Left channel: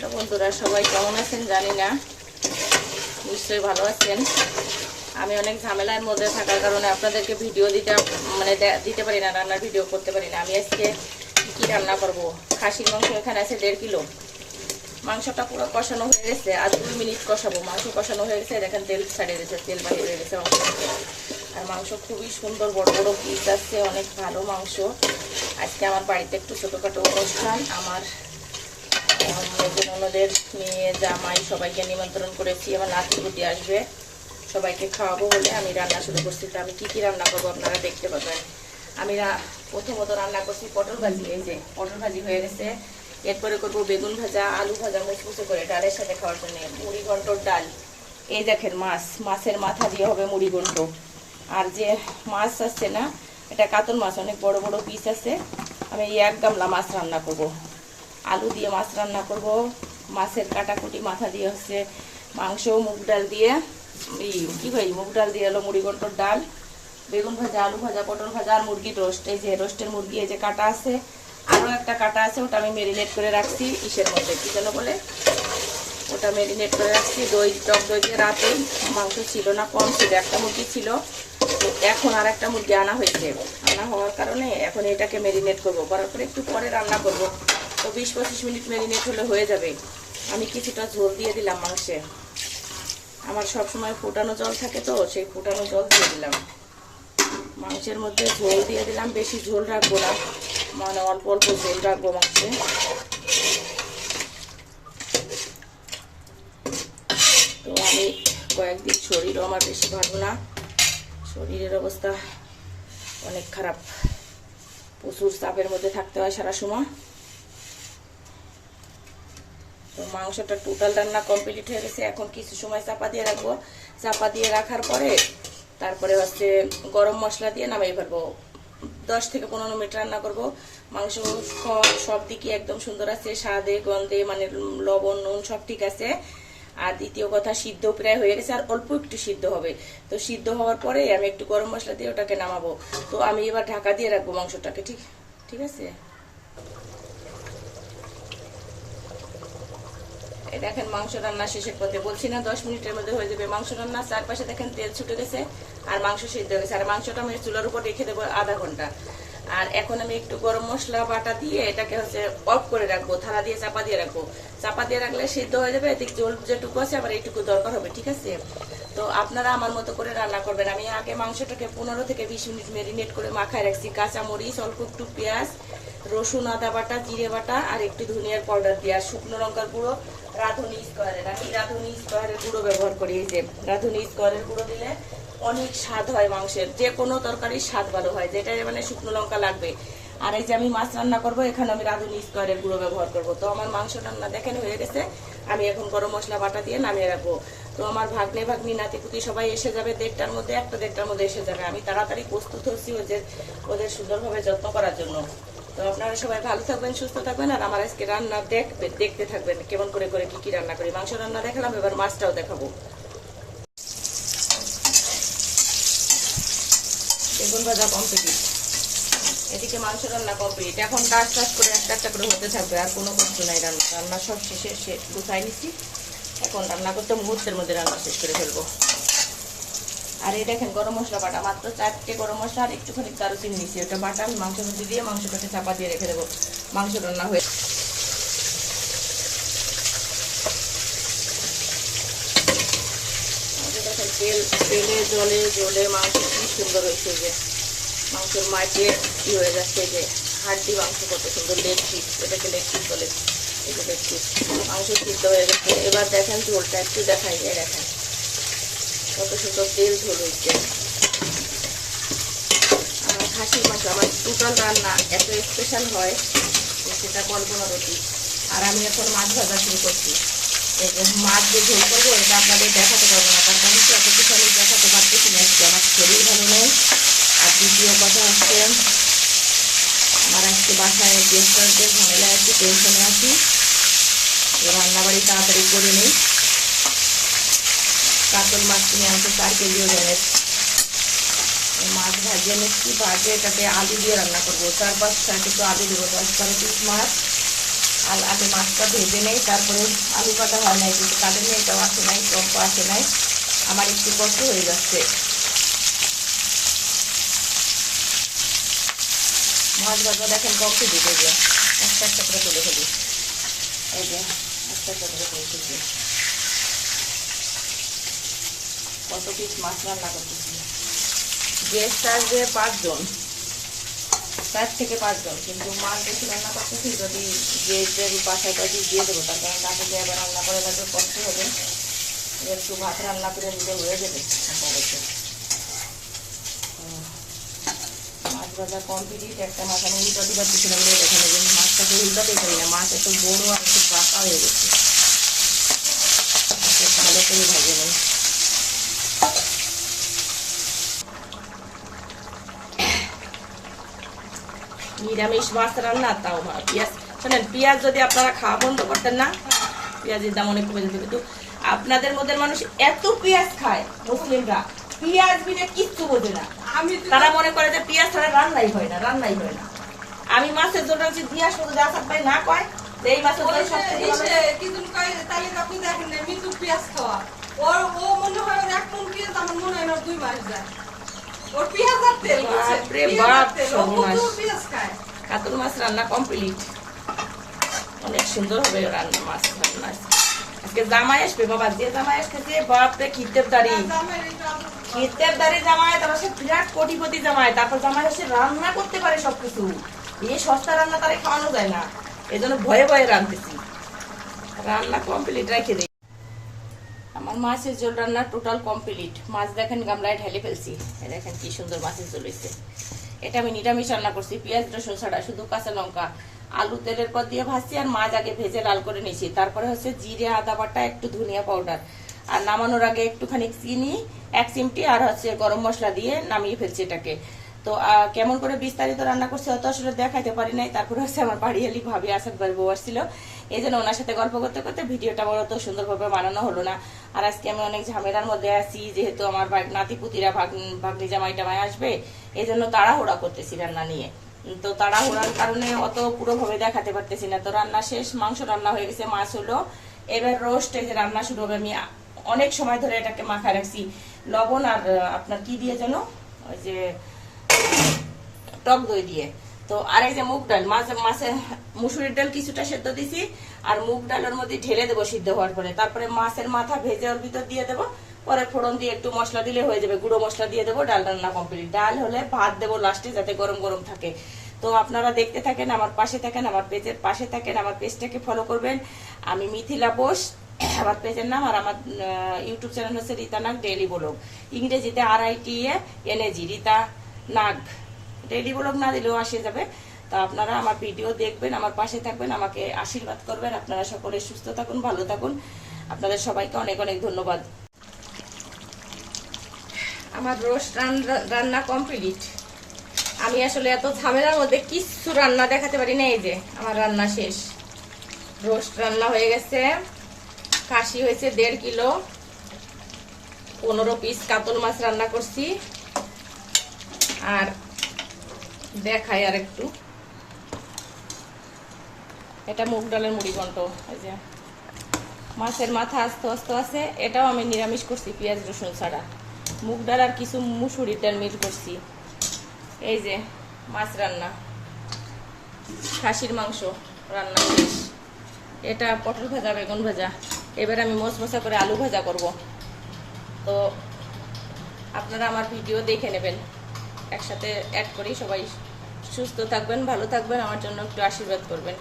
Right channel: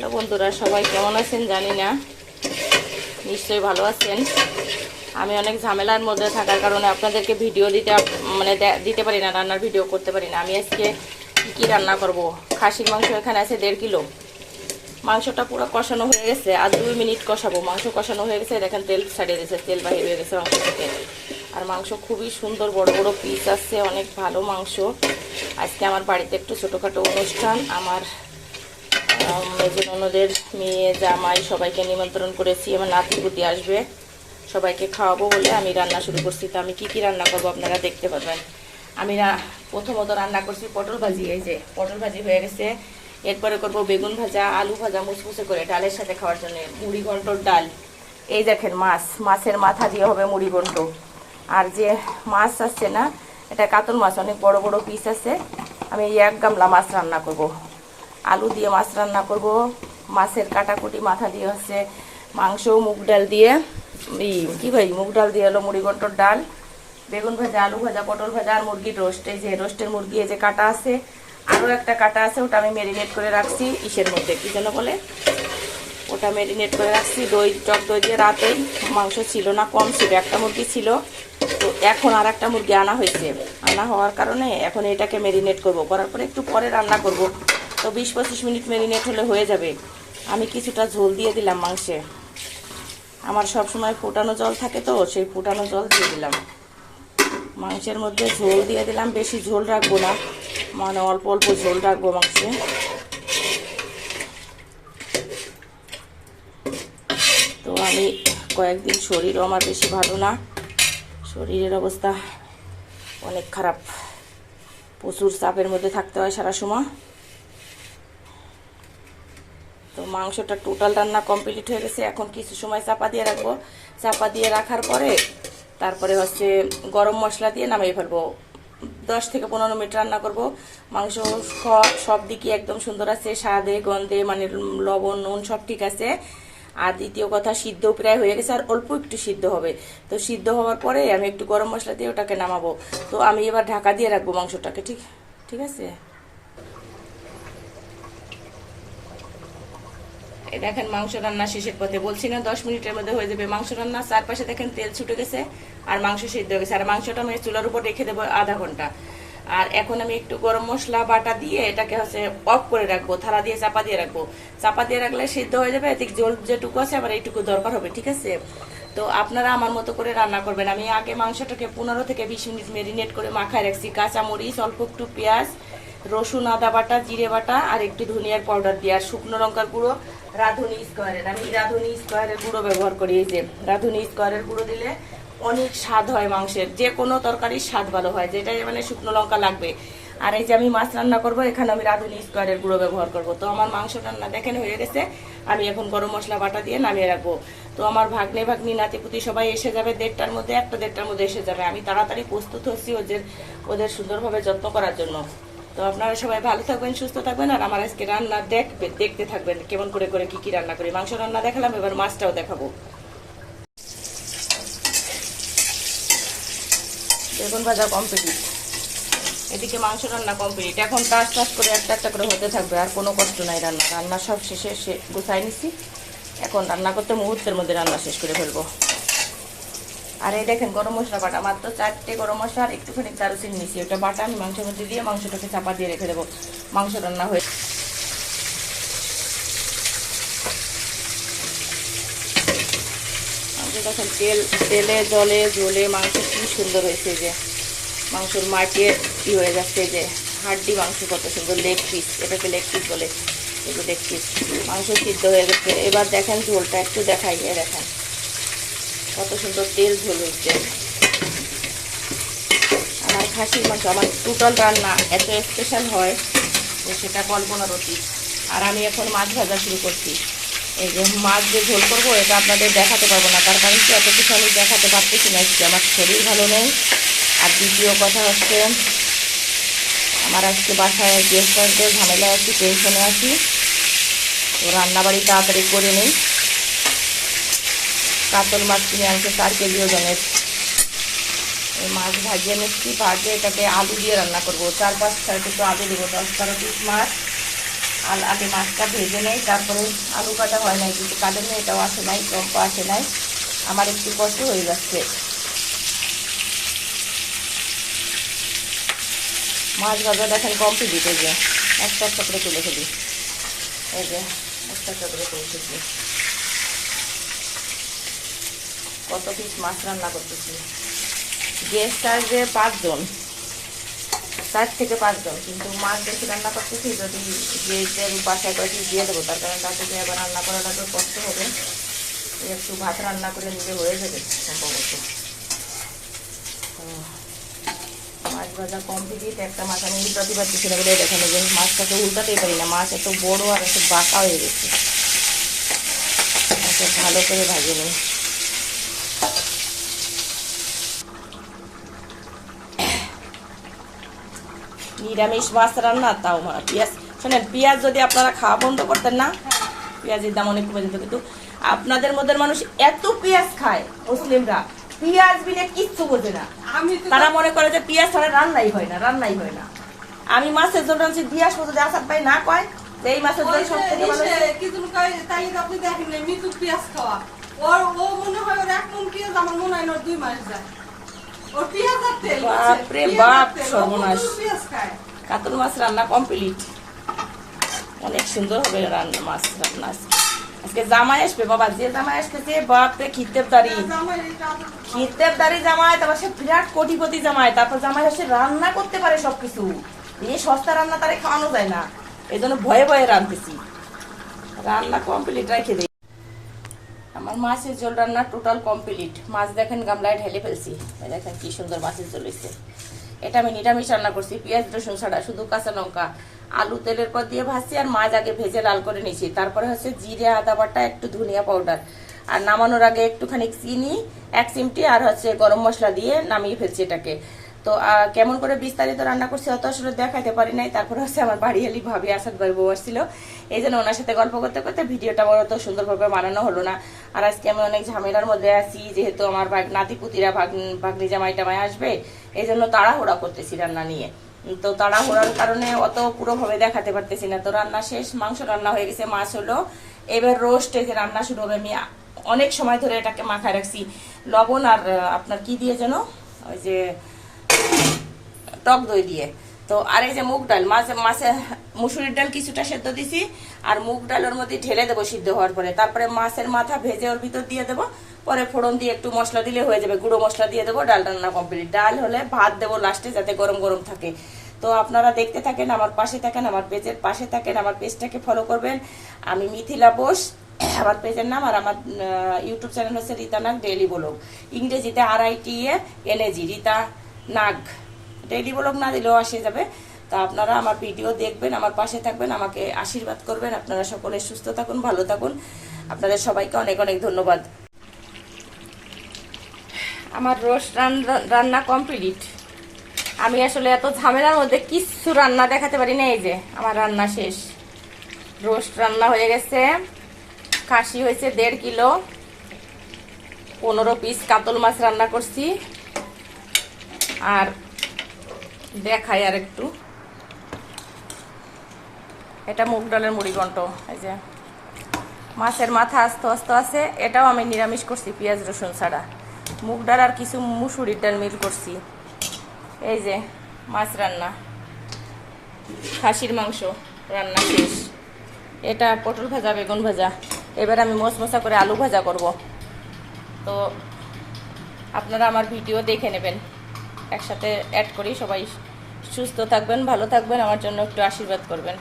Hello বন্ধুরা, সবাই কেমন আছেন জানি না, নিশ্চয়ই ভালো আছেন। আমি অনেক ঝামেলার মধ্যে থাকার কারণে আপনাদেরকে ভিডিও দিতে পারি না, রান্নার ভিডিও করতে পারি না। আমি আজকে কী রান্না করব। খাসির মাংস এখানে আছে 1.5 কিলো। মাংসটা পুরো কষানো হয়ে গেছে, আর 2 মিনিট কষাবো। মাংস কষানো হয়ে গেছে, দেখেন তেল ছাড়িয়ে গেছে, তেল বাহির হয়ে গেছে মাংস থেকে। আর মাংস খুবই সুন্দর, বড় বড় পিস আছে, অনেক ভালো মাংস। আজকে আমার বাড়িতে একটু ছোটোখাটো অনুষ্ঠান। আমার মেজননদের মেয়ে জামাই সবাইকে নিমন্ত্রণ করেছি। আমার নাতিপুতি আসবে, সবাইকে খাওয়াবো বলে আমি রান্না শুরু করছি। তো আমি কি রান্না করবো আপনারা দেখতে পাবেন। আমি প্রথমত রান্না করছি পটল ভাজি। এই যে পটল ভাজি হয়ে গেছে। এরপরে করব বেগুন ভাজা, আলু ভাজা মুচমুচে করে ডালের সাথে খাওয়ার জন্য। মুড়ি ঘন্টর ডাল। এই দেখেন মাছের মাথা দিয়ে হবে মুড়ি ঘন্ট। আর যে মাছ আসছে না, এটা কাতল মাছ, অনেক বড় বড় পিস আছে। আমি 1 গামলা মাছ রান্না করব। আলু দিয়ে মাছ রান্না করব। মাছের কাটাকুটি মাথা দিয়ে হচ্ছে মাংস, মুগ ডাল দিয়ে মুগ ডাল দিয়ে হলো মুড়ি ঘন্টর ডাল, বেগুন ভাজা, আলু ভাজা, পটল ভাজা, আর মুরগির রোস্ট। এই যে রোস্টের মুরগি এই যে কাটা আছে, আরও একটা কাটা আছে, ওটা আমি মেরিনেট করে রাখছি ইসের মধ্যে, কি যেন বলে, ওটা মেরিনেট করে রাখছি টক দই দিয়ে। রাতেই মাংস ছিল না, কম ছিল, একটা মুরগি ছিল। তো এখন আর একটা মুরগি আনা হয়েছে, আনা হওয়ার কারণে এখন এটাকে মেরিনেট করব। করার পরে একটু পরে রান্না করব। তো 20-25 মিনিট মেরিনেট হলে হয়ে যাবে। আমি কিছুটা ঝোল দিয়ে দিলাম মাংসে। আমার সব সময় ফুটানো জল থাকে, তো সেই ফুটানো জল দিয়ে দিলাম মাংসের মধ্যে। ঝোল দিয়ে দিলাম, বেশি ঝোল রাখবো না, মানে অল্প অল্প ঝোল রাখবো মাংসে। তো আমি কয়েকদিন শরীরও আমার বেশি ভালো না, শরীরের অবস্থা অনেক খারাপ, প্রচুর চাপের মধ্যে থাকতে হয় সারা সময়। তো মাংসটা টোটাল রান্না কমপ্লিট হয়ে গেছে। এখন কিছু সময় চাপা দিয়ে রাখবো। চাপা দিয়ে রাখার পরে তারপরে হচ্ছে গরম মশলা দিয়ে নামিয়ে ফেলবো। 10 থেকে 15 মিনিট রান্না করব। মাংস সব দিকে একদম সুন্দর আছে, স্বাদে গন্ধে, মানে লবণ নুন সব ঠিক আছে। আর দ্বিতীয় কথা, সিদ্ধ প্রায় হয়ে গেছে, আর অল্প একটু সিদ্ধ হবে। তো সিদ্ধ হওয়ার পরে আমি একটু গরম মশলা দিয়ে ওটাকে নামাবো। তো আমি এবার ঢাকা দিয়ে রাখবো মাংসটাকে। ঠিক আছে। দেখেন মাংস রান্না শেষের পথে, বলছি না 10 মিনিটের মধ্যে হয়ে যাবে মাংস রান্না। চারপাশে দেখেন তেল ছুটে গেছে, আর মাংস সিদ্ধ হয়ে গেছে। আর মাংসটা আমি চুলার উপর রেখে দেবো আধা ঘন্টা। আর এখন আমি একটু গরম মশলা বাটা দিয়ে এটাকে হচ্ছে অফ করে রাখবো, থালা দিয়ে চাপা দিয়ে রাখবো। চাপা দিয়ে রাখলে সিদ্ধ হয়ে যাবে। এদিক জল যেটুকু আছে আবার এইটুকু দরকার হবে, ঠিক আছে। তো আপনারা আমার মতো করে রান্না করবেন। আমি আগে মাংসটাকে 15 থেকে 20 মিনিট মেরিনেট করে মাখায় রাখছি। কাঁচামরিচ, অল্প একটু পেঁয়াজ, রসুন, আদা বাটা, জিরে বাটা, আর একটু ধনিয়ার পাউডার দিয়ে, আর শুকনো লঙ্কার গুঁড়ো, রাঁধুনি স্কোয়ারের। আমি রাঁধুনি স্কোয়ারের গুঁড়ো ব্যবহার করি। এই যে রাঁধুনি স্কোয়ারের গুঁড়ো দিলে অনেক স্বাদ হয় মাংসের, যে কোনো তরকারির স্বাদ ভালো হয়, যেটা মানে শুকনো লঙ্কা লাগবে। আর এই যে আমি মাছ রান্না করবো, এখানে আমি রাঁধুনি স্কোয়ারের গুঁড়ো ব্যবহার করবো। তো আমার মাংস রান্না দেখেন হয়ে গেছে। আমি এখন গরম মশলা বাটা দিয়ে নামিয়ে রাখবো। তো আমার ভাগ্নি নাতিপুতি সবাই এসে যাবে 1:30টার মধ্যে, 1:30টার মধ্যে এসে যাবে। আমি তাড়াতাড়ি প্রস্তুত হচ্ছি ওদের সুন্দরভাবে যত্ন করার জন্য। তো আপনারা সবাই ভালো থাকবেন, সুস্থ থাকবেন। আর আমার আজকে রান্না দেখতে থাকবেন কেমন করে কি রান্না করি। মাংস রান্না দেখালাম, এবার মাছটাও দেখাবো। বেগুন ভাজা কমপ্লিট, এদিকে মাংস রান্না কমপ্লিট। এখন টাস করে একটা করে হতে থাকবে, আর কোনো কষ্ট নাই। রান্না সব শেষে গুছাই নিছি। এখন রান্না করতে মুহূর্তের মধ্যে রান্না শেষ করে ফেলবো। আর এই দেখেন গরম মশলা বাটা, মাত্র 4টে গরম মশলা আর একটুখানি দারুচিনি নিচ্ছি। ওটা বাটা আমি মাংসের মধ্যে দিয়ে মাংসটাকে চাপা দিয়ে রেখে দেবো। মাংস রান্না হয়ে দেখেন তেলে জলে মাংস কি সুন্দর হয়েছে। যে মাংসের মাটির কি হয়ে যাচ্ছে, যে হাড্ডি মাংস কত সুন্দর, লেগ পিস, এটাকে লেগ পিস বলে। এই যে লেগ পিস মাংস সিদ্ধ হয়ে গেছে। এবার দেখেন ঝোলটা একটু দেখাই, দেখেন কত সুন্দর তেল ঝোল হচ্ছে। আমার খাসির মাংস, আমার টোটাল রান্না এত স্পেশাল হয় সেটা কল্পনার অতীত। আর আমি এখন মাছ ভাজা শুরু করছি। এই যে মাছ যে ঝোল করবো, এটা আপনাদের দেখাতে পারবো না, তার কারণ কি এত কিছু আমি দেখাতে পারতেছি না। আমার শরীর ভালো নেই। আর দ্বিতীয় কথা হচ্ছে, আমার আজকে বাসায় গেস্ট আসবে, ঝামেলায় আছি, টেনশনে আছি। তো রান্নাবাড়ি তাড়াতাড়ি করে নেই। কাতল মাছ কিনে আনছে 4 কেজি ওজনের। মাছ ভাজিয়ে নিচ্ছি, ভাজে এটাতে আলু দিয়ে রান্না করবো। 4-5 একটু আলু দেবো, 10-12 পিস মাছ আগে মাছটা ভেজে নেই, তারপরে আলু কাটা হয় নাই, কিন্তু কাটের মেয়েটাও আসে নাই, টম্প আসে নাই, আমার একটু কষ্ট হয়ে যাচ্ছে। মাছ ভাজা দেখেন কমপ্লিট হয়ে যায়, একটা একটা করে তুলে ফেলি, এই যে একটা একটা করে তুলতেছি। কত পিস মাছ রান্না করতেছি, গেস্ট আসবে 5 জন, 4 থেকে 5 জন, কিন্তু মাছ বেশি রান্না করতেছি, যদি গেস্টের বাসায় কয়েকটি দিয়ে দেবো, তার কারণ রাতে দিয়ে আবার রান্না করা লাগবে, কষ্ট হবে, একটু ভাত রান্না করে নিলে হয়ে যাবে সম্ভবত। মাছ ভাজা কমপ্লিট। একটা মাছ আমি উল্টাতে পারতেছি না বলে দেখেন, যে মাছটাকে উল্টাতেই পারি না, মাছ এত বড় আর একটু বাঁকা হয়ে গেছে, ভালো করে ভাজে নিই। নিরামিষ মাছ রান্না, তাও পেঁয়াজ, শোনেন পেঁয়াজ যদি আপনারা খাওয়া বন্ধ করতেন না, পেঁয়াজের দাম অনেক কমে যেত, কিন্তু আপনাদের মধ্যে মানুষ এত পেঁয়াজ খায়, মুসলিমরা পেঁয়াজ বিনে কিচ্ছু বোঝে না, তারা মনে করে যে পেঁয়াজ ছাড়া রান্নাই হয় না, রান্নাই হয় না। আমি মাছের ঝোল রাঁধছি, পেঁয়াজ শুধু আসাদ ভাই না কয় যে এই মাছের ঝোল সব থেকে ভালো। আপনি দেখেন না মৃত্যু পেঁয়াজ খাওয়া, ও মনে হয় ওর 1 মণ পেঁয়াজ, আমার মনে হয় না 2 মাস যায়। ওর পেঁয়াজ আর তেল, বাপরে বাপ, সর্বনাশ। পেঁয়াজ খায়। কাতল মাছ রান্না কমপ্লিট, অনেক সুন্দর হবে রান্না, মাছ রান্না। আজকে জামাই আসবে বাবা, যে জামাই আসতেছে বাপরে খিতের দাড়ি, খিতের দাড়ি জামাই, তারপর সে বিরাট কোটিপতি জামাই, তারপর জামাই আসে রান্না করতে পারে সবকিছু, এই সস্তা রান্না তারে খাওয়ানো যায় না, এই জন্য ভয়ে ভয়ে রাঁধতেছি। রান্না কমপ্লিট রেখে দিই। আমার মাছের ঝোল রান্না টোটাল কমপ্লিট। মাছ দেখেন গামলায় ঢেলে ফেলছি, দেখেন কি সুন্দর মাছের ঝোল হয়েছে। এটা আমি নিরামিষ রান্না করছি, পেঁয়াজ রসুন ছাড়া, শুধু কাঁচা লঙ্কা আলু তেলের পর দিয়ে ভাজছি, আর মাছ আগে ভেজে লাল করে নিয়েছি, তারপরে হচ্ছে জিরে আদা বাটা, একটু ধনিয়া পাউডার, আর নামানোর আগে একটুখানি চিনি 1 চিমটি আর হচ্ছে গরম মশলা দিয়ে নামিয়ে ফেলছি এটাকে। তো কেমন করে বিস্তারিত রান্না করছি অত আসলে দেখাইতে পারি নাই। তারপরে হচ্ছে আমার বাড়ি এলি ভাবি আসাদ বাড়ি বউ আসছিল, এই জন্য ওনার সাথে গল্প করতে করতে ভিডিওটা বড় তো সুন্দরভাবে বানানো হলো না। আর আজকে আমি অনেক ঝামেলার মধ্যে আছি, যেহেতু আমার নাতিপুতিরা ভাগ্নি জামাই টামাই আসবে, এই জন্য তাড়াহুড়া করতেছি রান্না নিয়ে। তো তাড়াহুড়ার কারণে অত পুরোভাবে দেখাতে পারতেছি না। তো রান্না শেষ, মাংস রান্না হয়ে গেছে, মাছ হলো, এবার রোস্ট যে রান্না শুরু হবে। আমি অনেক সময় ধরে এটাকে মাখায় রাখছি লবণ আর আপনার কি দিয়ে যেন, ওই যে টক দই দিয়ে। তো আর এই যে মুগ ডাল, মাছে মুসুরির ডাল কিছুটা সেদ্ধ দিছি, আর মুগ ডাল ওর মধ্যে ঢেলে দেবো সিদ্ধ হওয়ার পরে, তারপরে মাছের মাথা ভেজে ওর ভিতর দিয়ে দেবো, পরে ফোড়ন দিয়ে একটু মশলা দিলে হয়ে যাবে, গুঁড়ো মশলা দিয়ে দেবো, ডাল রান্না কমপ্লিট। ডাল হলে ভাত দেবো লাস্টে, যাতে গরম গরম থাকে। তো আপনারা দেখতে থাকেন, আমার পাশে থাকেন, আমার পেজের পাশে থাকেন, আমার পেজটাকে ফলো করবেন। আমি মিথিলা বোস আমার পেজের নাম, আর আমার ইউটিউব চ্যানেল হচ্ছে রীতা নাগ ডেইলি ব্লগ, ইংরেজিতে RITANAG, রীতা নাগ। ডেইলি ব্লগ না দিলেও আসে যাবে। তা আপনারা আমার ভিডিও দেখবেন, আমার পাশে থাকবেন, আমাকে আশীর্বাদ করবেন। আপনারা সকলে সুস্থ থাকুন, ভালো থাকুন। আপনাদের সবাইকে অনেক অনেক ধন্যবাদ। আমার রোস্ট রান্না কমপ্লিট। আমি আসলে এত ঝামেলার মধ্যে কিছু রান্না দেখাতে পারি না। এই যে আমার রান্না শেষ, রোস্ট রান্না হয়ে গেছে, খাসি হয়েছে 1.5 কিলো, 15 পিস কাতল মাছ রান্না করছি। আর দেখাই আর একটু, এটা মুগ ডালের মুড়ি ঘন্ট, এই যে মাছের মাথা আস্ত আস্ত আছে, এটাও আমি নিরামিষ করছি পেঁয়াজ রসুন ছাড়া, মুগ ডাল আর কিছু মুসুরির ডাল মিল করছি। এই যে মাছ রান্না, খাসির মাংস রান্না শেষ। এটা পটল ভাজা, বেগুন ভাজা, এবার আমি মশমশা করে আলু ভাজা করব। তো আপনারা আমার ভিডিও দেখে নেবেন, একসাথে অ্যাড করি। সবাই সুস্থ থাকবেন, ভালো থাকবেন, আমার জন্য একটু আশীর্বাদ করবেন।